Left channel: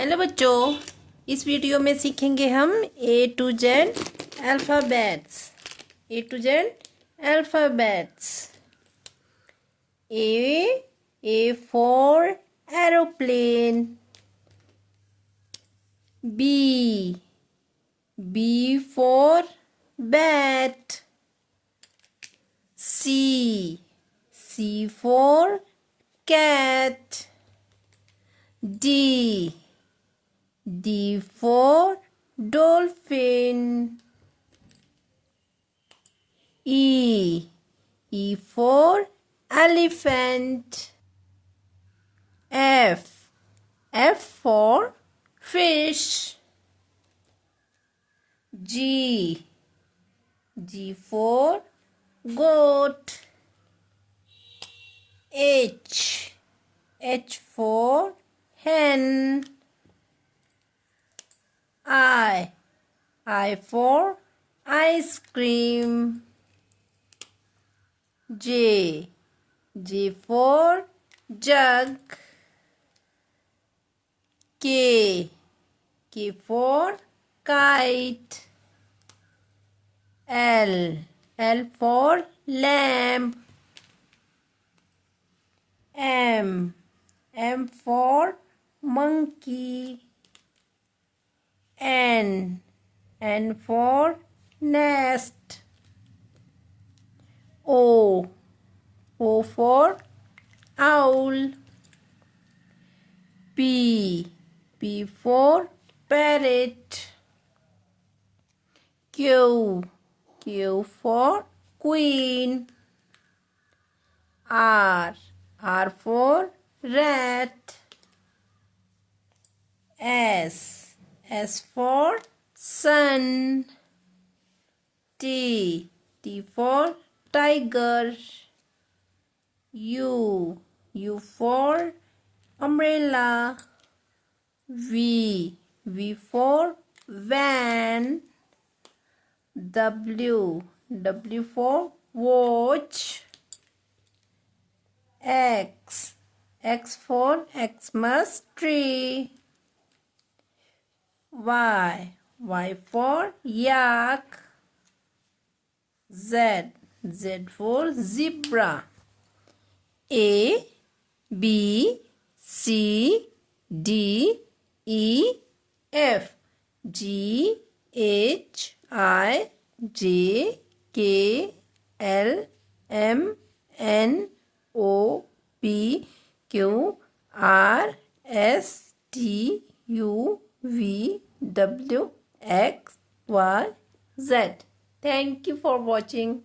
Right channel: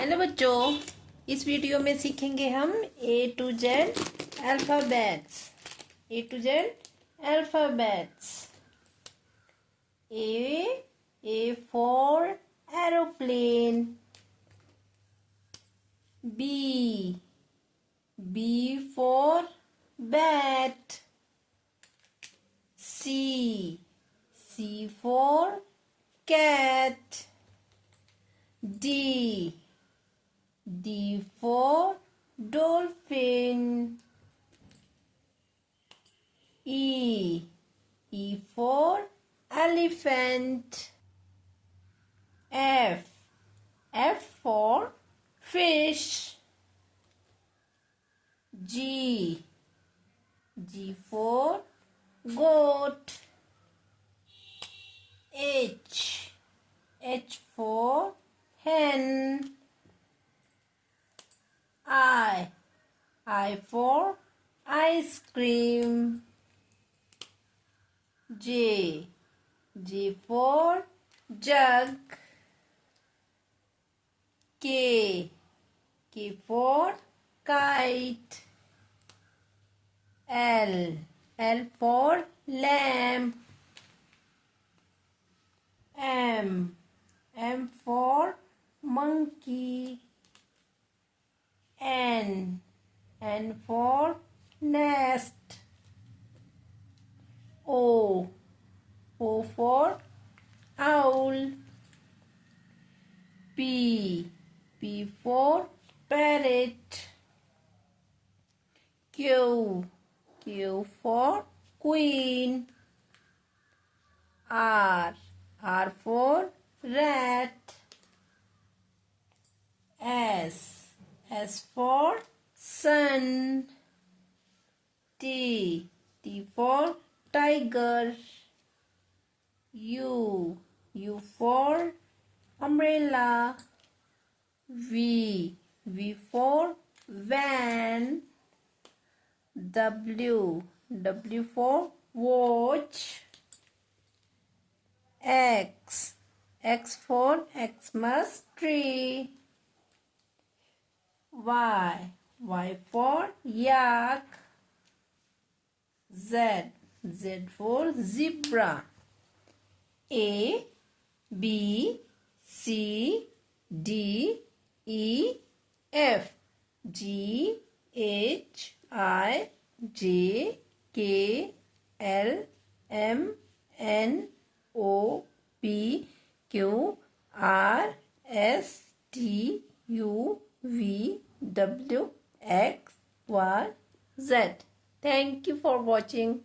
Hello बच्चों, इस video में सीखेंगे हम A to Z alphabets. A to Z alphabets. A for aeroplane. B for bat. C for cat. D for dolphin. E for elephant. F for fish. G for goat. H for hen. I for ice cream. J for jug. K for kite. L for lamp. M for monkey. N for nest. O for owl. P for parrot. Q for queen. R for rat. S for sun. T for tiger. U for umbrella. V for van. W for watch. X for Xmas tree. Y for yak. Z for zebra. A B C D E F G H I J K L M N O P Q R S T U V W X Y Z. Thank you for watching.